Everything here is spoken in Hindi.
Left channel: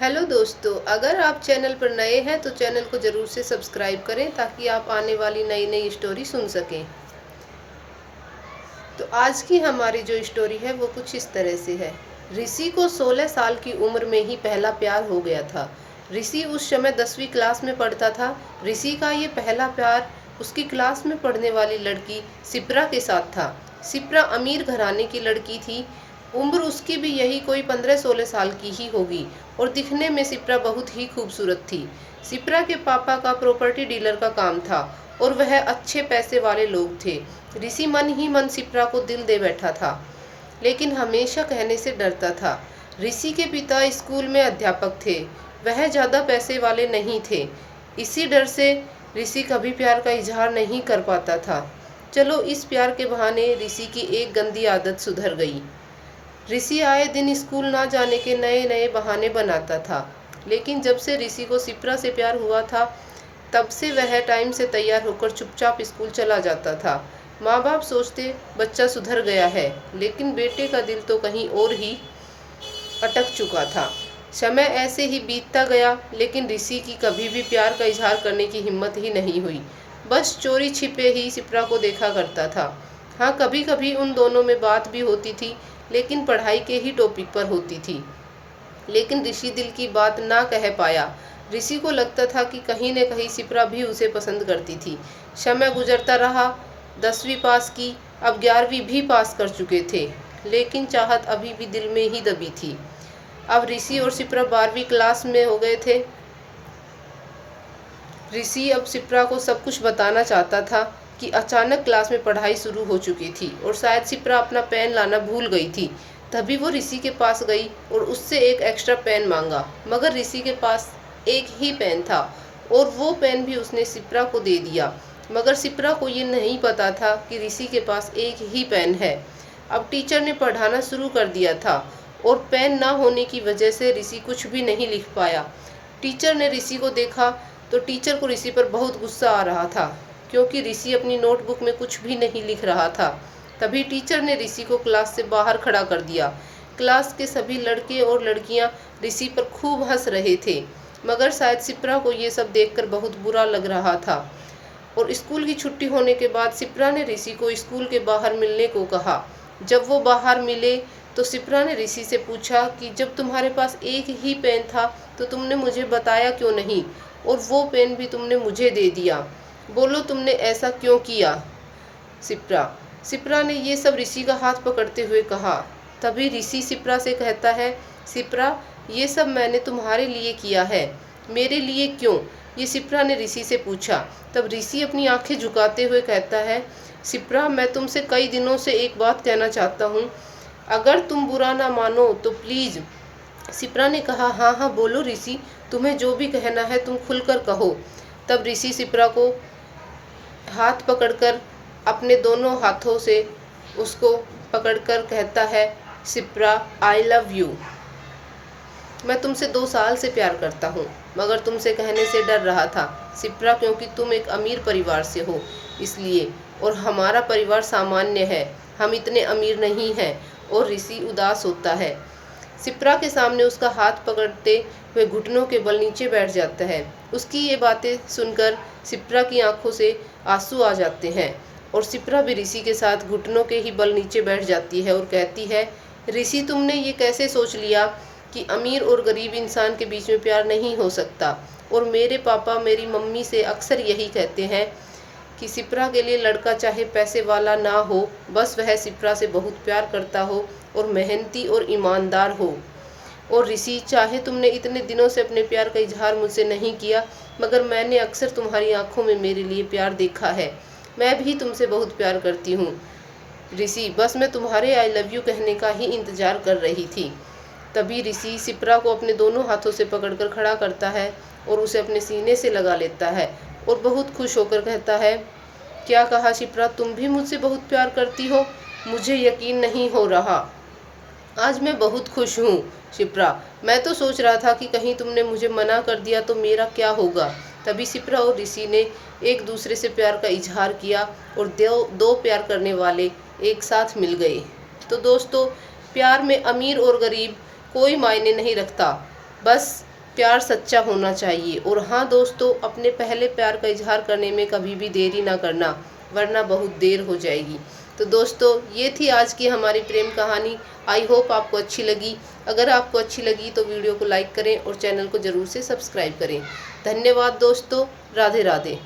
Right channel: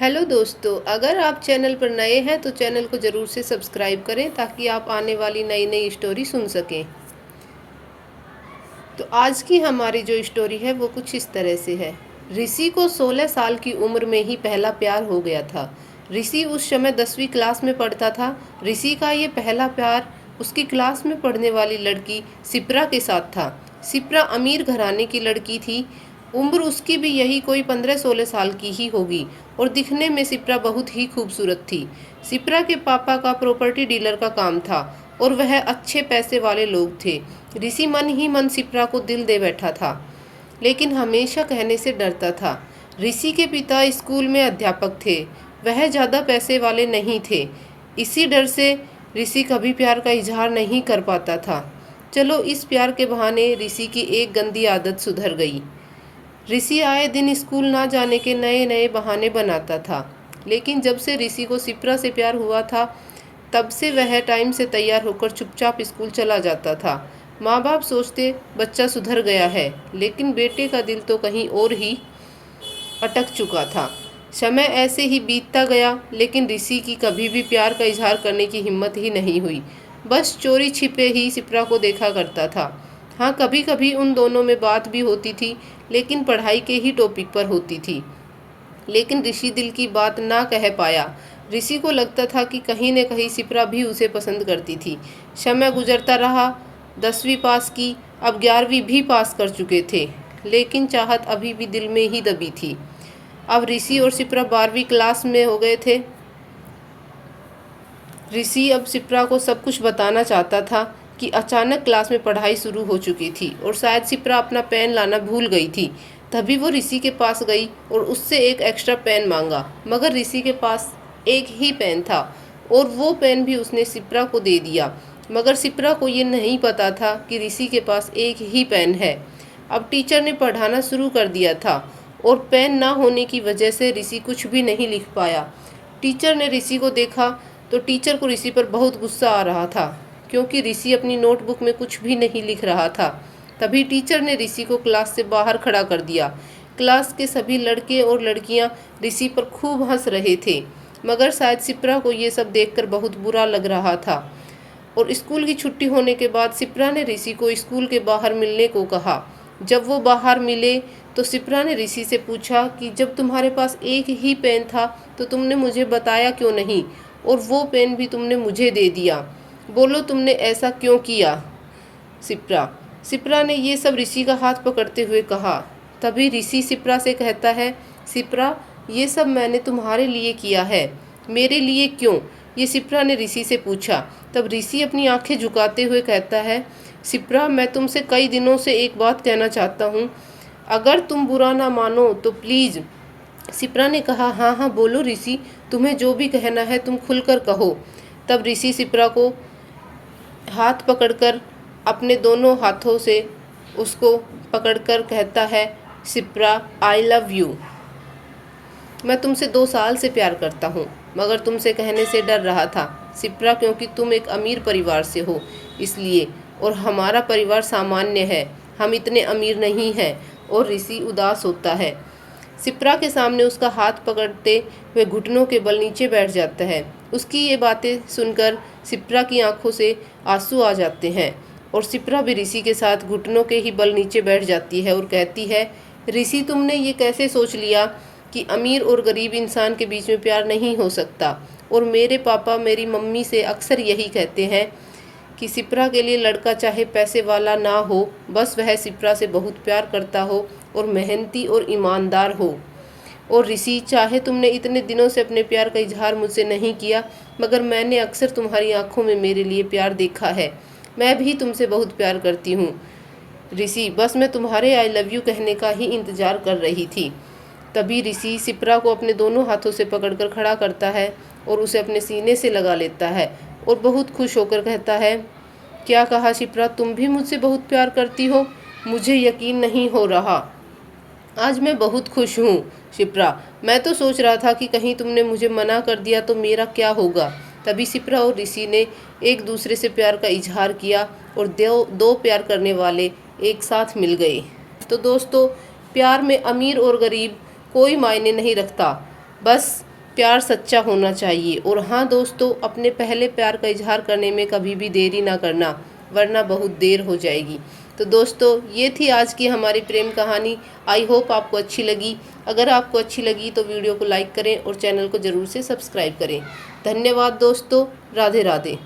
हेलो दोस्तों, अगर आप चैनल पर नए हैं तो चैनल को ज़रूर से सब्सक्राइब करें ताकि आप आने वाली नई नई स्टोरी सुन सकें। तो आज की हमारी जो स्टोरी है वो कुछ इस तरह से है। ऋषि को 16 साल की उम्र में ही पहला प्यार हो गया था। ऋषि उस समय 10वीं क्लास में पढ़ता था। ऋषि का ये पहला प्यार उसकी क्लास में पढ़ने वाली लड़की सिप्रा के साथ था। सिप्रा अमीर घराने की लड़की थी। उम्र उसकी भी यही कोई 15-16 साल की ही होगी और दिखने में सिप्रा बहुत ही खूबसूरत थी। सिप्रा के पापा का प्रॉपर्टी डीलर का काम था और वह अच्छे पैसे वाले लोग थे। ऋषि मन ही मन सिप्रा को दिल दे बैठा था, लेकिन हमेशा कहने से डरता था। ऋषि के पिता स्कूल में अध्यापक थे। वह ज़्यादा पैसे वाले नहीं थे। इसी डर से ऋषि कभी प्यार का इजहार नहीं कर पाता था। चलो, इस प्यार के बहाने ऋषि की एक गंदी आदत सुधर गई। ऋषि आए दिन स्कूल ना जाने के नए नए बहाने बनाता था, लेकिन जब से ऋषि को सिप्रा से प्यार हुआ था तब से वह टाइम से तैयार होकर चुपचाप स्कूल चला जाता था। माँ बाप सोचते बच्चा सुधर गया है, लेकिन बेटे का दिल तो कहीं और ही अटक चुका था। समय ऐसे ही बीतता गया, लेकिन ऋषि की कभी भी प्यार का इजहार करने की हिम्मत ही नहीं हुई। बस चोरी छिपे ही सिप्रा को देखा करता था। हाँ, कभी कभी उन दोनों में बात भी होती थी, लेकिन पढ़ाई के ही टॉपिक पर होती थी। लेकिन ऋषि दिल की बात ना कह पाया। ऋषि को लगता था कि कहीं न कहीं सिप्रा भी उसे पसंद करती थी। समय गुजरता रहा। 10वीं पास की, अब 11वीं भी पास कर चुके थे, लेकिन चाहत अभी भी दिल में ही दबी थी। अब ऋषि और सिप्रा 12वीं क्लास में हो गए थे। ऋषि अब सिप्रा को सब कुछ बताना चाहता था कि अचानक क्लास में पढ़ाई शुरू हो चुकी थी और शायद सिप्रा अपना पेन लाना भूल गई थी। तभी वो ऋषि के पास गई और उससे एक एक्स्ट्रा पेन मांगा, मगर ऋषि के पास एक ही पेन था और वो पेन भी उसने सिप्रा को दे दिया। मगर सिप्रा को ये नहीं पता था कि ऋषि के पास एक ही पेन है। अब टीचर ने पढ़ाना शुरू कर दिया था और पेन ना होने की वजह से ऋषि कुछ भी नहीं लिख पाया। टीचर ने ऋषि को देखा तो टीचर को ऋषि पर बहुत गुस्सा आ रहा था, क्योंकि ऋषि अपनी नोटबुक में कुछ भी नहीं लिख रहा था। तभी टीचर ने ऋषि को क्लास से बाहर खड़ा कर दिया। क्लास के सभी लड़के और लड़कियां ऋषि पर खूब हंस रहे थे, मगर शायद सिप्रा को ये सब देखकर बहुत बुरा लग रहा था। और स्कूल की छुट्टी होने के बाद सिप्रा ने ऋषि को स्कूल के बाहर मिलने को कहा। जब वो बाहर मिले तो सिप्रा ने ऋषि से पूछा कि जब तुम्हारे पास एक ही पेन था तो तुमने मुझे बताया क्यों नहीं, और वो पेन भी तुमने मुझे दे दिया। बोलो, तुमने ऐसा क्यों किया? सिप्रा सिप्रा ने ये सब ऋषि का हाथ पकड़ते हुए कहा। तभी ऋषि सिप्रा से कहता है, सिप्रा, ये सब मैंने तुम्हारे लिए किया है। मेरे लिए क्यों? ये सिप्रा ने ऋषि से पूछा। तब ऋषि अपनी आंखें झुकाते हुए कहता है, सिप्रा, मैं तुमसे कई दिनों से एक बात कहना चाहता हूँ। अगर तुम बुरा ना मानो तो प्लीज़। सिप्रा ने कहा, हाँ हाँ बोलो ऋषि, तुम्हें जो भी कहना है तुम खुलकर कहो। तब ऋषि सिप्रा को हाथ पकड़कर अपने दोनों हाथों से उसको पकड़कर कहता है, सिप्रा, आई लव यू। मैं तुमसे 2 साल से प्यार करता हूँ, मगर तुमसे कहने से डर रहा था सिप्रा, क्योंकि तुम एक अमीर परिवार से हो इसलिए, और हमारा परिवार सामान्य है, हम इतने अमीर नहीं हैं। और ऋषि उदास होता है। सिप्रा के सामने उसका हाथ पकड़ते हुए घुटनों के बल नीचे बैठ जाता है। उसकी ये बातें सुनकर सिप्रा की आंखों से आंसू आ जाते हैं और सिप्रा भी ऋषि के साथ घुटनों के ही बल नीचे बैठ जाती है और कहती है, ऋषि, तुमने ये कैसे सोच लिया कि अमीर और गरीब इंसान के बीच में प्यार नहीं हो सकता? और मेरे पापा मेरी मम्मी से अक्सर यही कहते हैं कि सिप्रा के लिए लड़का चाहे पैसे वाला ना हो, बस वह सिप्रा से बहुत प्यार करता हो और मेहनती और ईमानदार हो। और ऋषि, चाहे तुमने इतने दिनों से अपने प्यार का इजहार मुझसे नहीं किया, मगर मैंने अक्सर तुम्हारी आंखों में मेरे लिए प्यार देखा है। मैं भी तुमसे बहुत प्यार करती हूँ ऋषि, बस मैं तुम्हारे आई लव यू कहने का ही इंतज़ार कर रही थी। तभी ऋषि सिप्रा को अपने दोनों हाथों से पकड़कर खड़ा करता है और उसे अपने सीने से लगा लेता है और बहुत खुश होकर कहता है, क्या कहा सिप्रा, तुम भी मुझसे बहुत प्यार करती हो? मुझे यकीन नहीं हो रहा। आज मैं बहुत खुश हूँ सिप्रा। मैं तो सोच रहा था कि कहीं तुमने मुझे मना कर दिया तो मेरा क्या होगा। तभी सिप्रा और ऋषि ने एक दूसरे से प्यार का इजहार किया और दो प्यार करने वाले एक साथ मिल गए। तो दोस्तों, प्यार में अमीर और गरीब कोई मायने नहीं रखता, बस प्यार सच्चा होना चाहिए। और हाँ दोस्तों, अपने पहले प्यार का इजहार करने में कभी भी देरी ना करना, वरना बहुत देर हो जाएगी। तो दोस्तों, ये थी आज की हमारी प्रेम कहानी। आई होप आपको अच्छी लगी। अगर आपको अच्छी लगी तो वीडियो को लाइक करें और चैनल को ज़रूर से सब्सक्राइब करें। धन्यवाद दोस्तों। राधे राधे।